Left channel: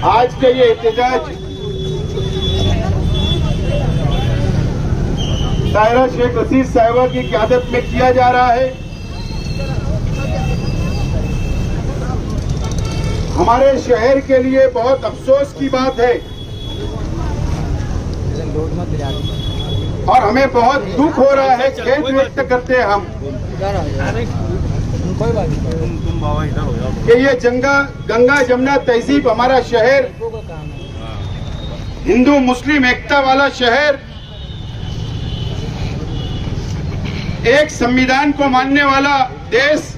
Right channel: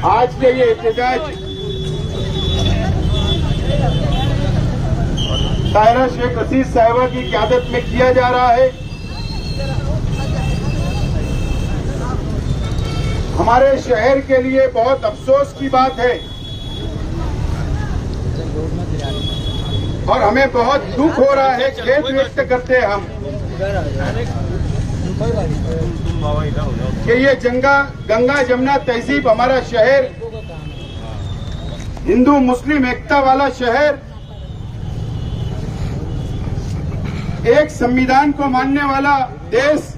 आज के ये एहतजाज ताहिरा शेख रशीद साहिबा की क़यादत में किया जा रहा है। हमारे शहर के लिए बहुत अफसोस की बात है और हमें बहुत दुख हो रहा है, खेद व्यक्त करते हैं हम कि ये गंगा जमुना तहजीब हमारा शहर, हिंदू मुस्लिम एकता वाला शहर, एक संविधान को मानने वाला देश,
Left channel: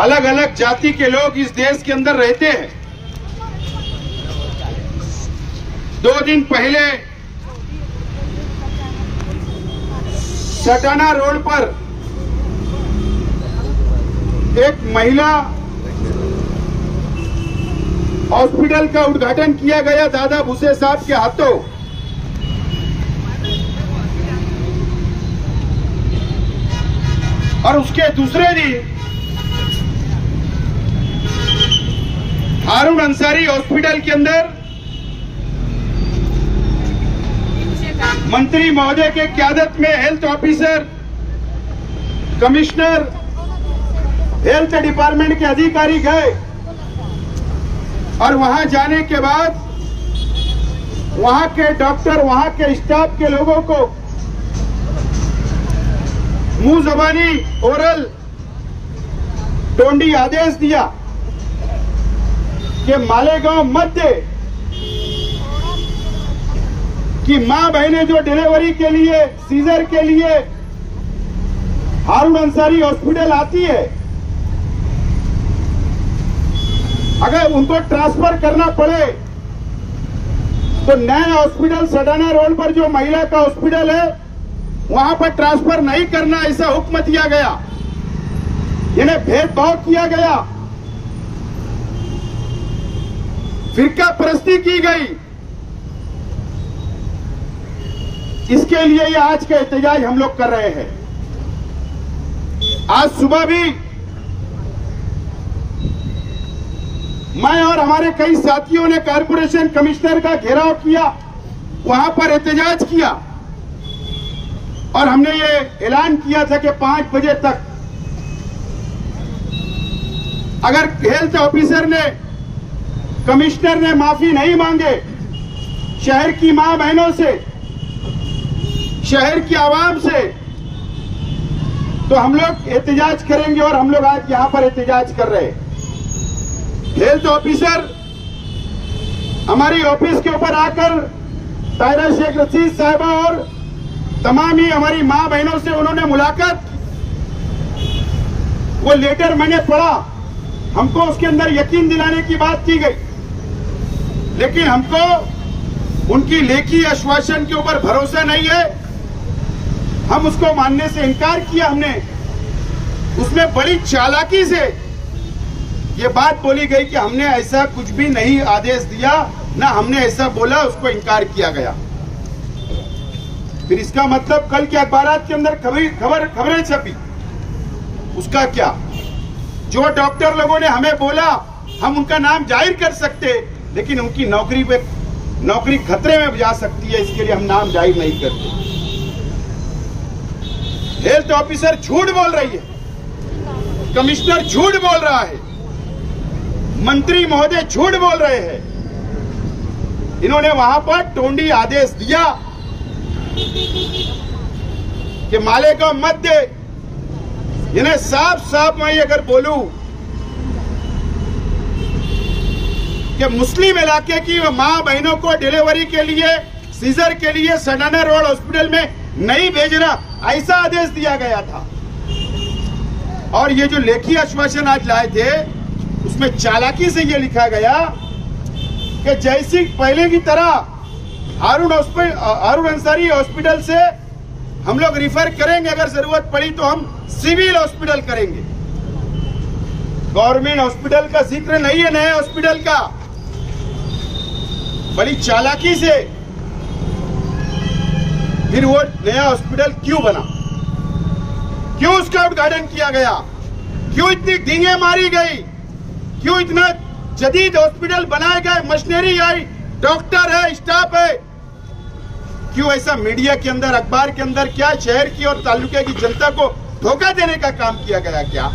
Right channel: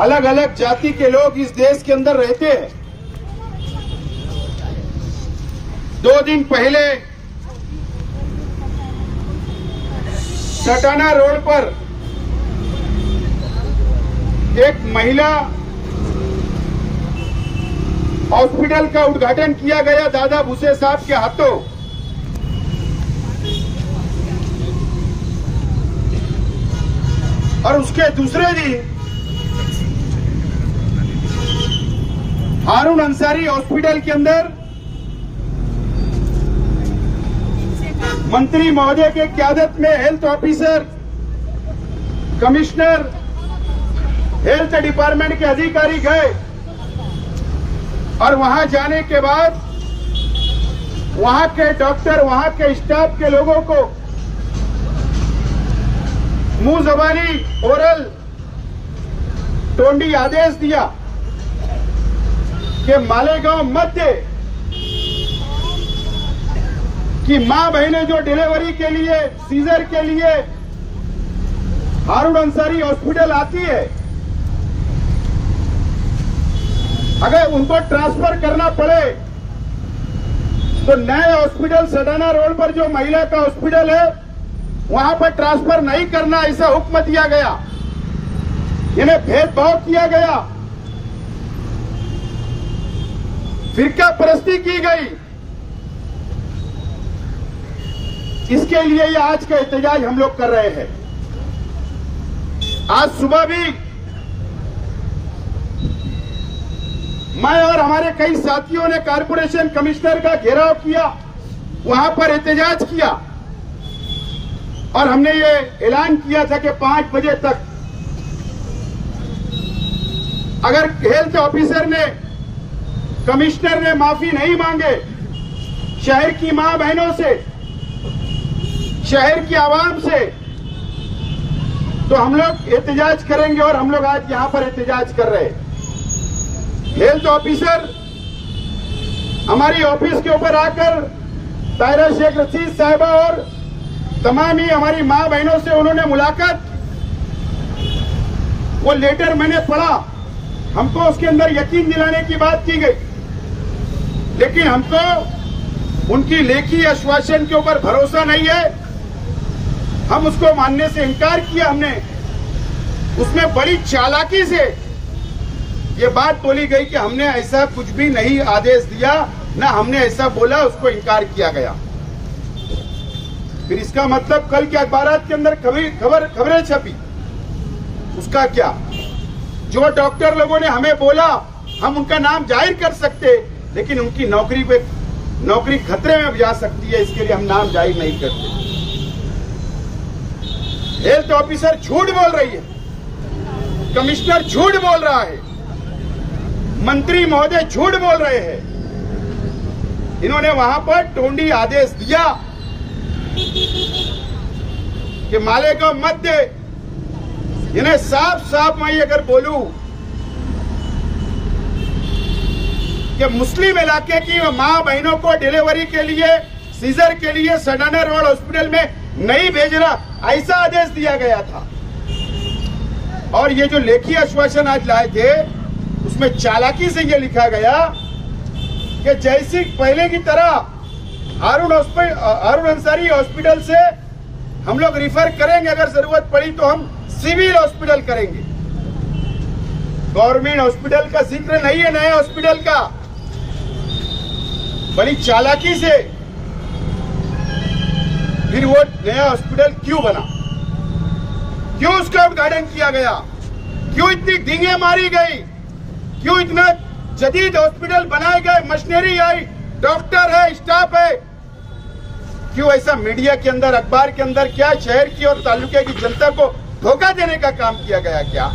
अलग अलग जाति के लोग इस देश के अंदर रहते हैं। 2 दिन पहले सटाना रोड पर एक महिला हॉस्पिटल का उद्घाटन किया गया दादा भूसे साहब के हाथों। और उसके दूसरे दिन हारून अंसारी हॉस्पिटल के अंदर मंत्री महोदय के क़यादत में health officer, commissioner, health department के अधिकारी गए और वहां जाने के बाद वहां के डॉक्टर, वहां के स्टाफ के लोगों को मुंह जबानी ओरल टोंडी आदेश दिया कि मालेगांव मत दे, कि मां बहनें जो डिलीवरी के लिए, सीजर के लिए हारून अंसारी हॉस्पिटल आती है, अगर उनको ट्रांसफर करना पड़े तो नए हॉस्पिटल सटाना रोड पर जो महिला का हॉस्पिटल है वहां पर ट्रांसफर नहीं करना, ऐसा हुक्म दिया गया। इन्हें भेदभाव किया गया, फिरका परस्ती की गई। इसके लिए ये आज का एहतजाज हम लोग कर रहे हैं। आज सुबह भी मैं और हमारे कई साथियों ने कारपोरेशन कमिश्नर का घेराव किया, वहां पर एहतजाज किया और हमने ये ऐलान किया था कि 5 बजे तक अगर हेल्थ ऑफिसर ने, कमिश्नर ने माफी नहीं मांगे शहर की मां बहनों से, शहर की आवाम से, तो हम लोग एहतजाज करेंगे। और हम लोग आज यहां पर एहतजाज कर रहे हैं। हेल्थ ऑफिसर हमारी ऑफिस के ऊपर आकर ताहिरा शेख रशीद साहिबा और तमाम ही हमारी मां बहनों से उन्होंने मुलाकात, वो लेटर मैंने पढ़ा, हमको उसके अंदर यकीन दिलाने की बात की गई, लेकिन हमको उनकी लेखी आश्वासन के ऊपर भरोसा नहीं है। हम उसको मानने से इनकार किया। हमने उसमें बड़ी चालाकी से ये बात बोली गई कि हमने ऐसा कुछ भी नहीं आदेश दिया, ना हमने ऐसा बोला, उसको इनकार किया गया। फिर इसका मतलब कल के अखबारात के अंदर खबरें छपी, उसका क्या? जो डॉक्टर लोगों ने हमें बोला हम उनका नाम जाहिर कर सकते, लेकिन उनकी नौकरी खतरे में जा सकती है, इसके लिए हम नाम जाहिर नहीं करते। हेल्थ ऑफिसर झूठ बोल रही है, कमिश्नर झूठ बोल रहा है, मंत्री महोदय झूठ बोल रहे हैं। इन्होंने वहां पर टोंडी आदेश दिया कि मालेगांव मत दे। इन्हें साफ साफ मैं अगर बोलूं कि मुस्लिम इलाके की मां बहनों को डिलीवरी के लिए, सीजर के लिए सटाना रोड हॉस्पिटल में नहीं भेजना, ऐसा आदेश दिया गया था। और ये जो लेखी आश्वासन आज लाए थे उसमें चालाकी से ये लिखा गया कि जैसी पहले की तरह हारून अंसारी हॉस्पिटल से हम लोग रिफर करेंगे, अगर जरूरत पड़ी तो हम सिविल हॉस्पिटल करेंगे। गवर्नमेंट हॉस्पिटल का जिक्र नहीं है, नए हॉस्पिटल का। बड़ी चालाकी से फिर वो नया हॉस्पिटल क्यों बना, क्यों उसका उद्घाटन किया गया, क्यों इतनी डींगे मारी गई, क्यों इतना जदीद हॉस्पिटल बनाए गए, मशीनरी आई, डॉक्टर है, स्टाफ है। क्यों ऐसा मीडिया के अंदर, अखबार के अंदर क्या शहर की और तालुके की जनता को धोखा देने का काम किया गया? क्या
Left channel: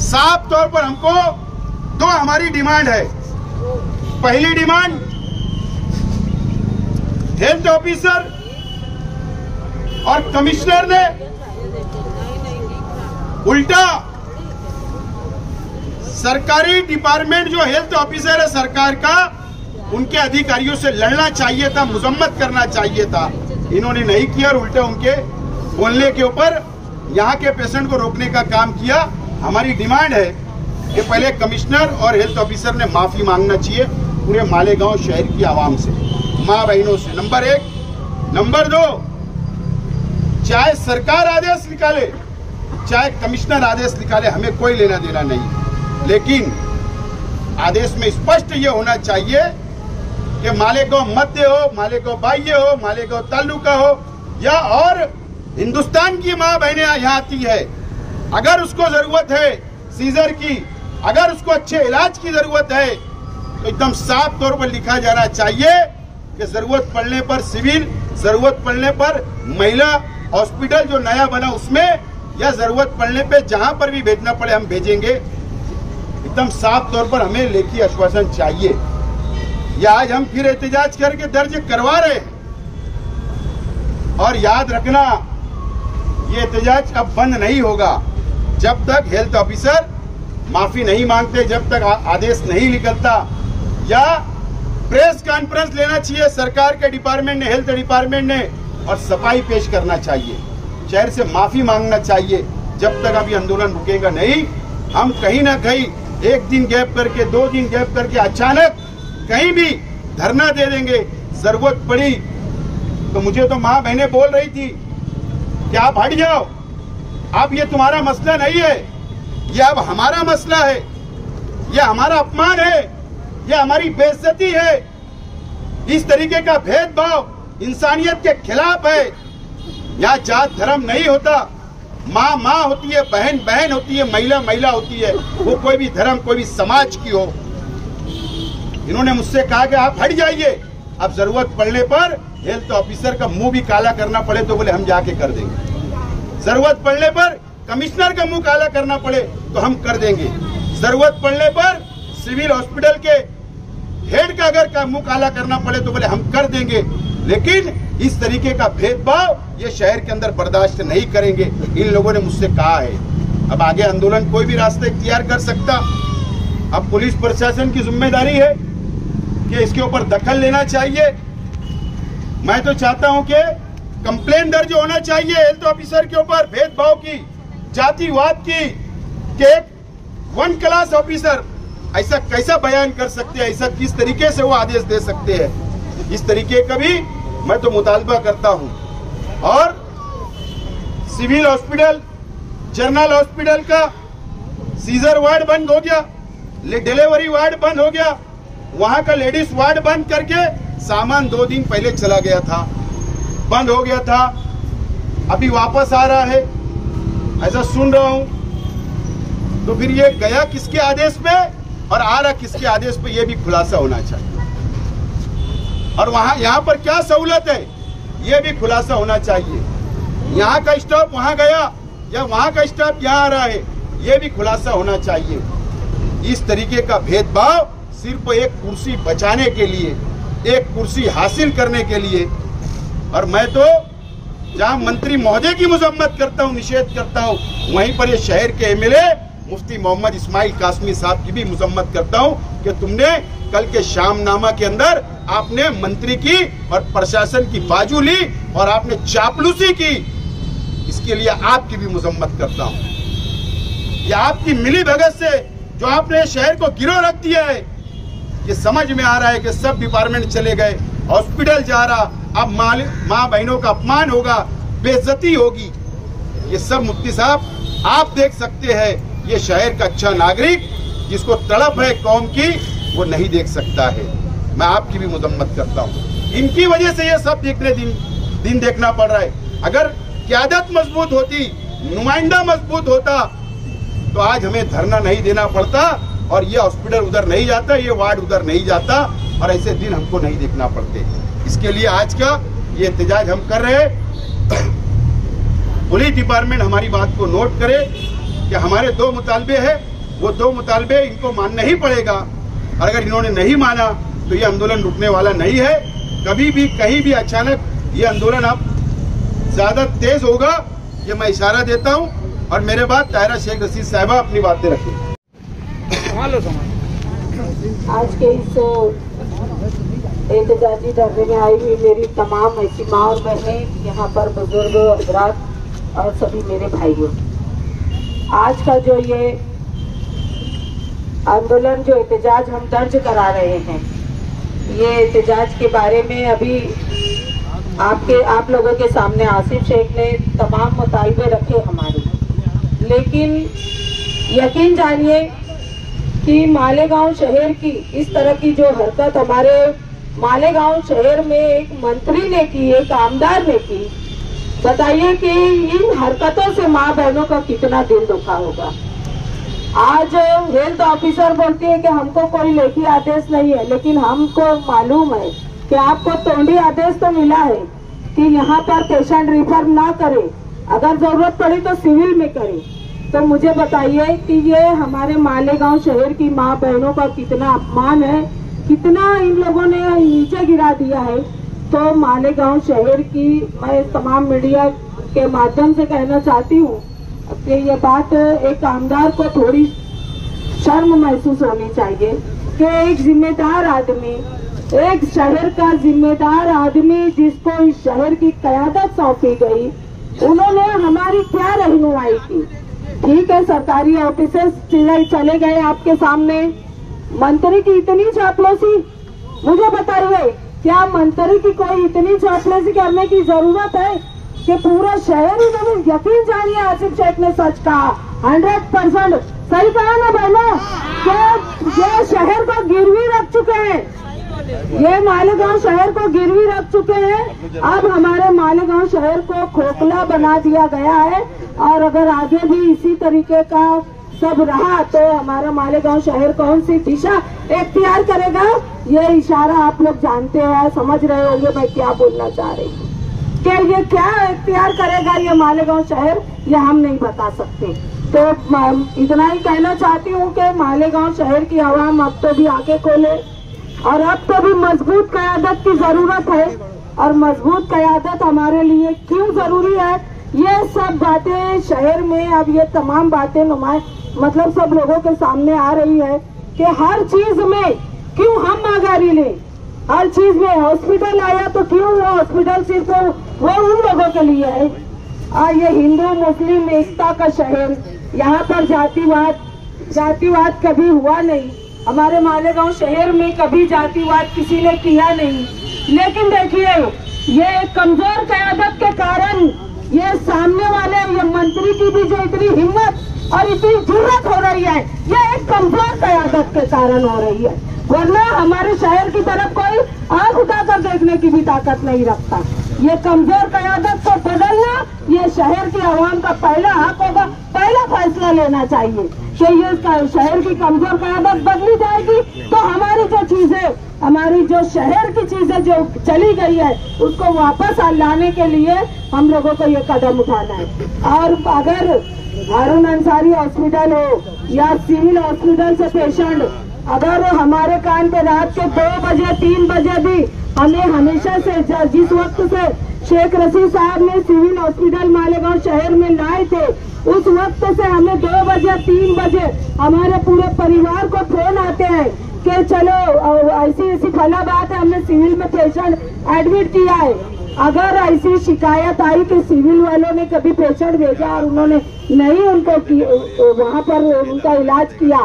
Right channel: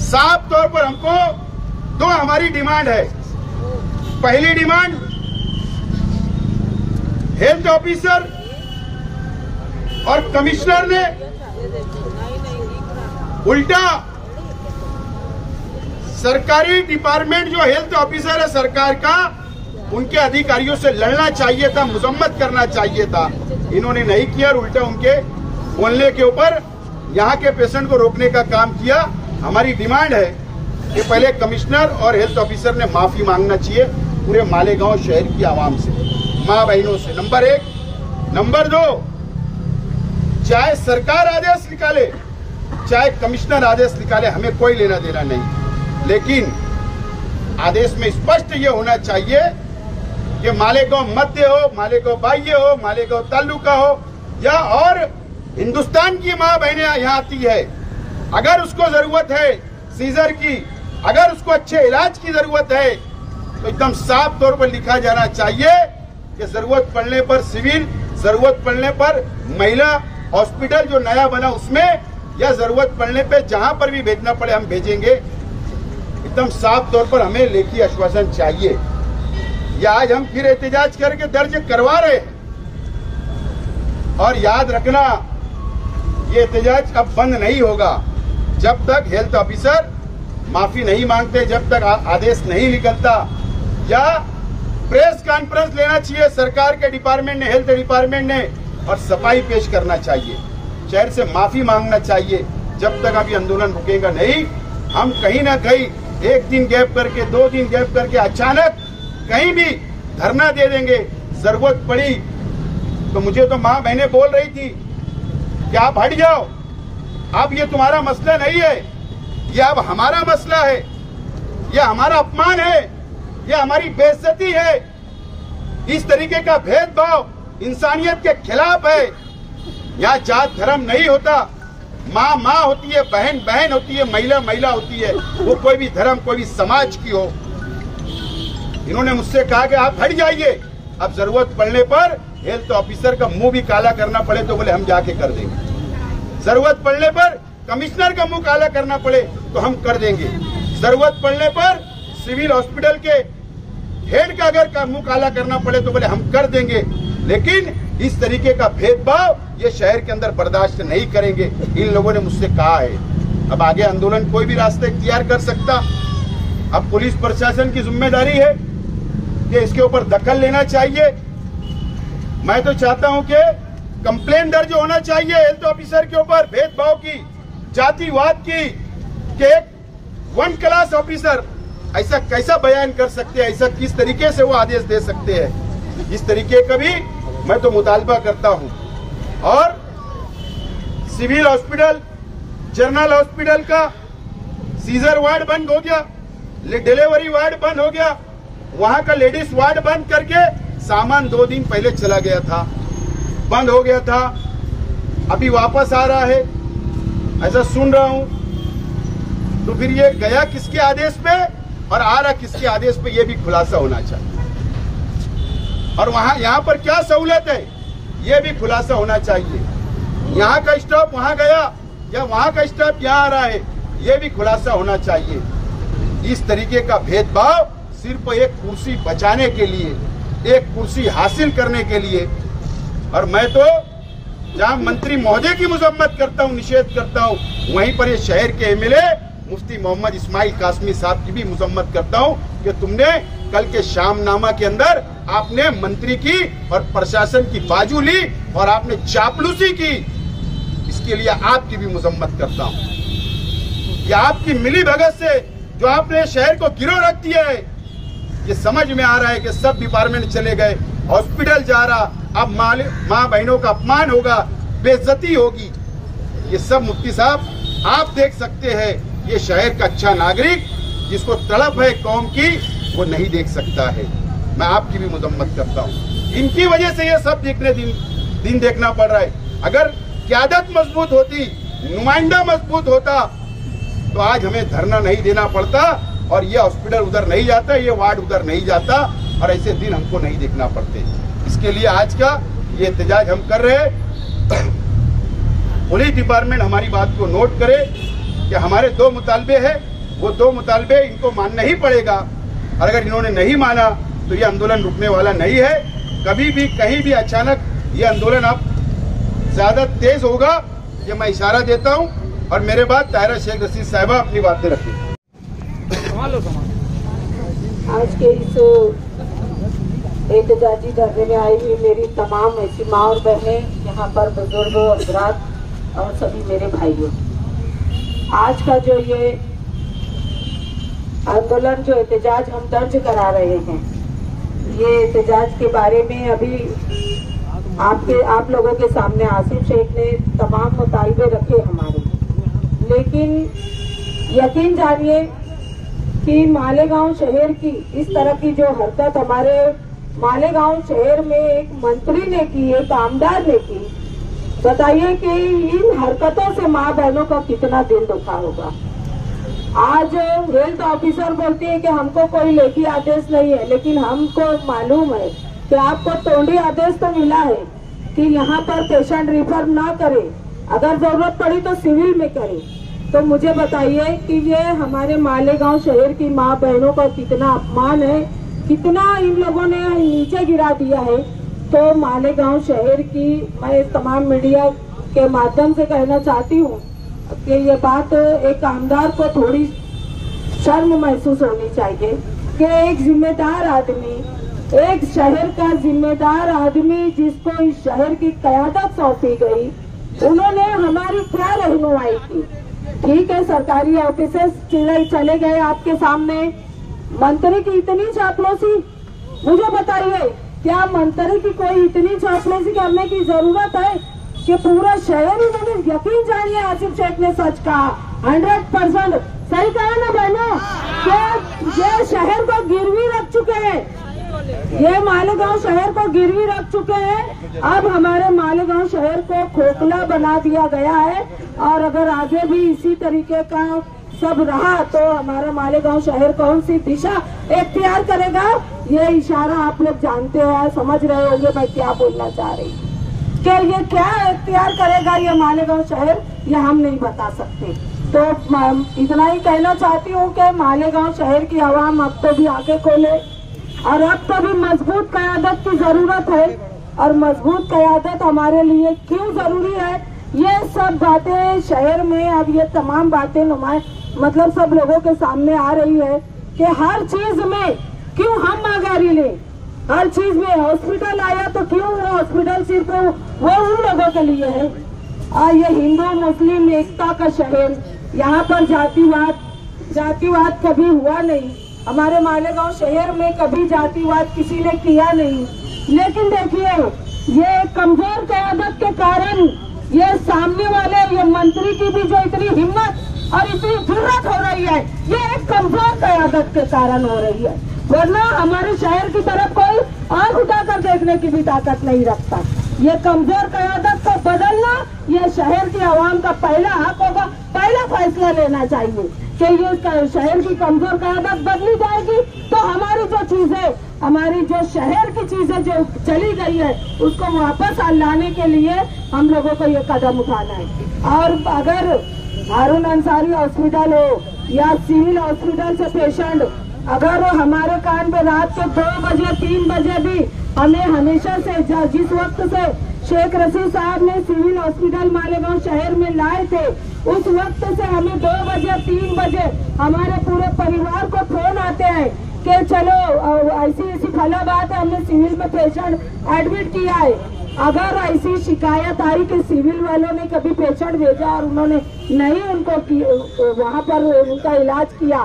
साफ तौर पर हमको दो हमारी डिमांड है। पहली डिमांड, हेल्थ ऑफिसर और कमिश्नर ने उल्टा सरकारी डिपार्टमेंट जो हेल्थ ऑफिसर है सरकार का, उनके अधिकारियों से लड़ना चाहिए था, मजम्मत करना चाहिए था। इन्होंने नहीं किया और उल्टा उनके बोलने के ऊपर यहाँ के पेशेंट को रोकने का काम किया। हमारी डिमांड है कि पहले कमिश्नर और हेल्थ ऑफिसर ने माफी मांगना चाहिए पूरे मालेगांव शहर की आवाम से, माँ बहनों से, नंबर 1। नंबर 2, चाहे सरकार आदेश निकाले, चाहे कमिश्नर आदेश निकाले, हमें कोई लेना देना नहीं, लेकिन आदेश में स्पष्ट ये होना चाहिए कि मालेगांव मध्य हो, मालेगांव बाह्य हो, मालेगांव तालुका हो या और हिंदुस्तान की माँ बहनें यहाँ आती है, अगर उसको जरूरत है सीजर की, अगर उसको अच्छे इलाज की जरूरत है, तो एकदम साफ तौर पर लिखा जाना चाहिए कि जरूरत पड़ने पर सिविल, जरूरत पड़ने पर महिला हॉस्पिटल जो नया बना उसमें, या जरूरत पड़ने पे जहां पर भी भेजना पड़े हम भेजेंगे। एकदम साफ तौर पर हमें लेखी आश्वासन चाहिए। या आज हम फिर एहतजाज करके दर्ज करवा रहे हैं, और याद रखना ये एहतजाज अब बंद नहीं होगा जब तक हेल्थ ऑफिसर माफी नहीं मांगते, जब तक आदेश नहीं निकलता, या प्रेस कॉन्फ्रेंस लेना चाहिए सरकार के डिपार्टमेंट ने, हेल्थ डिपार्टमेंट ने, और सफाई पेश करना चाहिए, शहर से माफी मांगना चाहिए। जब तक अभी आंदोलन रुकेगा नहीं, हम कहीं ना कहीं 1 दिन गैप करके, 2 दिन गैप करके अचानक कहीं भी धरना दे देंगे। जरूरत पड़ी तो मुझे तो माँ बहनें बोल रही थी कि आप हट जाओ, अब ये तुम्हारा मसला नहीं है, ये अब हमारा मसला है, ये हमारा अपमान है, ये हमारी बेइज्जती है। इस तरीके का भेदभाव इंसानियत के खिलाफ है। यहाँ जात धर्म नहीं होता, माँ माँ होती है, बहन बहन होती है, महिला महिला होती है, वो कोई भी धर्म, कोई भी समाज की हो। इन्होंने मुझसे कहा कि आप हट जाइए, अब जरूरत पड़ने पर हेल्थ ऑफिसर का मुंह भी काला करना पड़े तो बोले हम जाके कर देंगे, जरूरत पड़ने पर कमिश्नर का मुंह काला करना पड़े तो हम कर देंगे, जरूरत पड़ने पर सिविल हॉस्पिटल के हेड का अगर मुंह काला करना पड़े तो बोले हम कर देंगे। लेकिन इस तरीके का भेदभाव ये शहर के अंदर बर्दाश्त नहीं करेंगे, इन लोगों ने मुझसे कहा है। अब आगे आंदोलन कोई भी रास्ते इख्तियार कर सकता। अब पुलिस प्रशासन की जिम्मेदारी है कि इसके ऊपर दखल लेना चाहिए। मैं तो चाहता हूं कि कंप्लेंट दर्ज होना चाहिए हेल्थ ऑफिसर के ऊपर भेदभाव की, जातिवाद की, कि एक 1 क्लास ऑफिसर ऐसा कैसा बयान कर सकते हैं, ऐसा किस तरीके से वो आदेश दे सकते हैं। इस तरीके का भी मैं तो मुतालबा करता हूं। और सिविल हॉस्पिटल, जनरल हॉस्पिटल का सीजर वार्ड बंद हो गया, डिलीवरी वार्ड बंद हो गया, वहां का लेडीज वार्ड बंद करके सामान 2 दिन पहले चला गया था, बंद हो गया था, अभी वापस आ रहा है, ऐसा सुन रहा हूं। तो फिर ये गया किसके आदेश पे और आ रहा किसके आदेश पे, ये भी खुलासा होना चाहिए। और वहां यहाँ पर क्या सहूलत है, ये भी खुलासा होना चाहिए। यहाँ का स्टाफ वहां गया या वहां का स्टाफ यहाँ आ रहा है, ये भी खुलासा होना चाहिए। इस तरीके का भेदभाव सिर्फ एक कुर्सी बचाने के लिए, एक कुर्सी हासिल करने के लिए। और मैं तो जहां मंत्री महोदय की मजम्मत करता हूं, निषेध करता हूं, वहीं पर ये शहर के एमएलए मुफ्ती मोहम्मद इस्माइल कासमी साहब की भी मजम्मत करता हूं कि तुमने कल के शामनामा के अंदर आपने मंत्री की और प्रशासन की बाजू ली और आपने चापलूसी की, इसके लिए आपकी भी मजम्मत करता हूं। ये आपकी मिली भगत से जो आपने शहर को गिरो रख दिया है, ये समझ में आ रहा है कि सब डिपार्टमेंट चले गए, हॉस्पिटल जा रहा, अब माँ बहनों का अपमान होगा, बेइज्जती होगी। ये सब मुफ्ती साहब आप देख सकते हैं। ये शहर का अच्छा नागरिक जिसको तड़प है कौम की, वो नहीं देख सकता है। मैं आपकी भी मजम्मत करता हूँ। इनकी वजह से ये सब दिन देखना पड़ रहा है। अगर क़यादत मजबूत होती, नुमाइंदा मजबूत होता, तो आज हमें धरना नहीं देना पड़ता और ये हॉस्पिटल उधर नहीं जाता, ये वार्ड उधर नहीं जाता, और ऐसे दिन हमको नहीं देखना पड़ते। इसके लिए आज का ये एहतजाज हम कर रहे हैं। पुलिस डिपार्टमेंट हमारी बात को नोट करे कि हमारे 2 मुतालबे हैं, वो 2 मुतालबे इनको मानना ही पड़ेगा, और अगर इन्होंने नहीं माना तो ये आंदोलन रुकने वाला नहीं है। कभी भी कहीं भी अचानक ये आंदोलन अब ज्यादा तेज होगा, ये मैं इशारा देता हूँ। और मेरे बाद ताहिरा शेख रशीद साहिबा अपनी बातें रखें। आज के इस एहतजाजी धरने में आई हुई मेरी तमाम ऐसी माँ और बहनें, यहाँ पर बुजुर्ग हजरात और सभी मेरे भाइयों, आज का जो ये आंदोलन, जो एहतजाज हम दर्ज करा रहे हैं, ये एहतजाज के बारे में अभी आप लोगों के सामने आसिफ शेख ने तमाम मुतालबे रखे हमारे, लेकिन यकीन जानिए कि मालेगांव शहर की इस तरह की जो हरकत हमारे मालेगांव शहर में एक मंत्री ने की, एक आमदार ने की, बताइए कि इन हरकतों से माँ बहनों का कितना दिल दुखा होगा। आज हेल्थ ऑफिसर बोलती है कि हमको कोई लेखी आदेश नहीं है, लेकिन हमको मालूम है कि आपको तोंडी आदेश तो मिला है कि यहाँ पर पेशेंट रिफर ना करे, अगर जरूरत पड़ी तो सिविल में करे। तो मुझे बताइए कि ये हमारे मालेगांव शहर की माँ बहनों का कितना अपमान है, कितना इन लोगों ने नीचे गिरा दिया है। तो मालेगांव शहर की मैं तमाम मीडिया के माध्यम से कहना चाहती हूँ कि ये बात एक आमदार को थोड़ी शर्म महसूस होनी चाहिए कि एक जिम्मेदार आदमी, एक शहर का जिम्मेदार आदमी जिसको इस शहर की क़यादत सौंपी गई, उन्होंने हमारी क्या रहनुमाई की। ठीक है, सरकारी ऑफिसर्स चले गए आपके सामने, मंत्री की इतनी चापलूसी, मुझे बताइए क्या मंत्री की कोई इतनी चापलूसी करने की जरूरत है कि पूरा शहर ही मैंने यकीन जानिए आसिफ शेख ने सच कहा, 100% सही कहा ना बहनों, कि ये शहर को गिरवी रख चुके हैं, ये मालेगांव शहर को गिरवी रख चुके हैं। अब हमारे मालेगांव शहर को खोखला बना दिया गया है, और अगर आगे भी इसी तरीके का सब रहा तो हमारा मालेगांव शहर कौन सी दिशा इख्तियार करेगा, ये इशारा आप लोग जानते हैं, समझ रहे होंगे मैं क्या बोलना चाह रही हूँ। कि ये क्या इख्तियार करेगा ये मालेगांव शहर, ये हम नहीं बता सकते। तो इतना ही कहना चाहती हूँ कि मालेगांव शहर की आवाम अब तो भी आंखें खोले, और अब तो भी मजबूत क़यादत की जरूरत है। और मजबूत क़यादत हमारे लिए क्यों जरूरी है, ये सब बातें शहर में अब ये तमाम बातें मतलब सब लोगों के सामने आ रही है कि हर चीज में क्यों हम मांगारी ले, हर चीज में हॉस्पिटल आया तो क्यों वो हॉस्पिटल सिर्फ वो उन लोगों के लिए है। ये हिंदू मुस्लिम एकता का शहर, यहाँ पर जातिवाद कभी हुआ नहीं, हमारे मालेगांव शहर में कभी जातिवाद किसी ने किया नहीं। लेकिन देखिए ये कमजोर क़यादत के कारण ये सामने वाले ये मंत्री की भी जो इतनी हिम्मत और इतनी जुर्रत हो रही है, ये एक कमजोर क़यादत के कारण हो रही है, वरना हमारे शहर की तरफ कोई आंख उठाकर देखने की भी ताकत नहीं रखता। ये कमजोर क़यादत को बदलना ये शहर की आवाम का पहला हक होगा, पहला फैसला लेना चाहिए कि ये शहर की कमजोर क़यादत बदली जाएगी तो हमारी जो चीजें, हमारी जो शहर की चीजें जो चली गई है उसको वापस लाने के लिए हम लोगों को ये कदम उठाना है। और अगर हारून अंसारी हॉस्पिटल हो या सिविल हॉस्पिटल से पेशेंट अगर हमारे कान पे रात के 2 बजे 3 बजे भी हमें हमेशा से जिस वक्त से शेख रशीद साहब ने सिविल हॉस्पिटल मालेगांव शहर में लाए थे उस वक्त से हमें 2 बजे 3 बजे हमारे पूरे परिवार को फोन आते हैं कि चलो ऐसी फला बात है, हमने सिविल में पेशेंट एडमिट किया है। अगर ऐसी शिकायत आई कि सिविल वालों ने कभी पेशेंट भेजा और उन्होंने नहीं उनको वहाँ पर उनका इलाज किया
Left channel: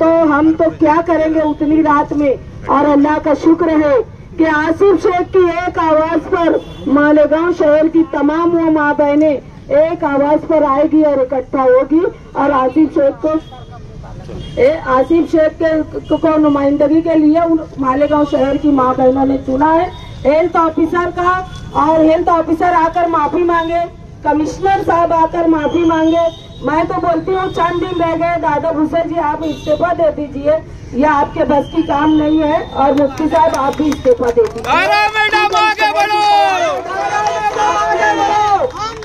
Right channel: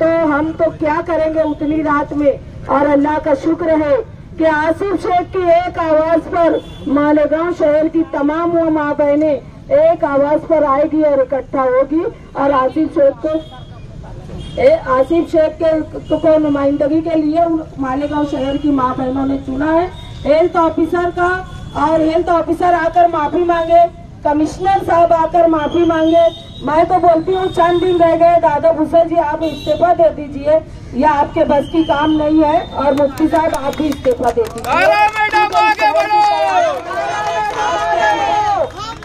तो हम तो क्या करेंगे उतनी रात में। और अल्लाह का शुक्र है कि आसिफ शेख की एक आवाज पर मालेगांव शहर की तमाम वो माँ बहनें एक आवाज पर आएगी और इकट्ठा होगी और आसिफ शेख को नुमाइंदगी के लिए मालेगांव शहर की माँ बहनों ने चुना है। हेल्थ ऑफिसर का और हेल्थ ऑफिसर आकर माफी मांगे, कमिश्नर साहब आकर माफी मांगे, मैं तो बोलती हूँ चंद दिन रह गए, दादा भूसा जी आप इस्तीफा दे दीजिए, यह आपके बस की काम नहीं है, और मुफ्ती साहब आप भी इस्तीफा दे दीजिए।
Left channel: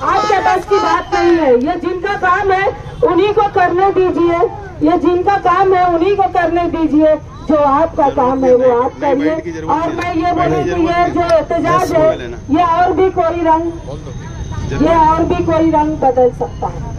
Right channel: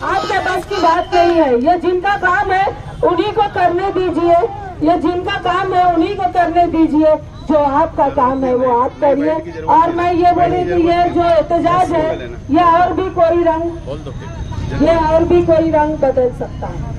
आपके बस की बात नहीं है, ये जिनका काम है उन्हीं को करने दीजिए, ये जिनका काम है उन्हीं को करने दीजिए, जो आपका काम है वो आप करिए। और मैं ये बोलूँ कि ये जो एहतजाज है ये और भी कोई रंग बदल सकता है।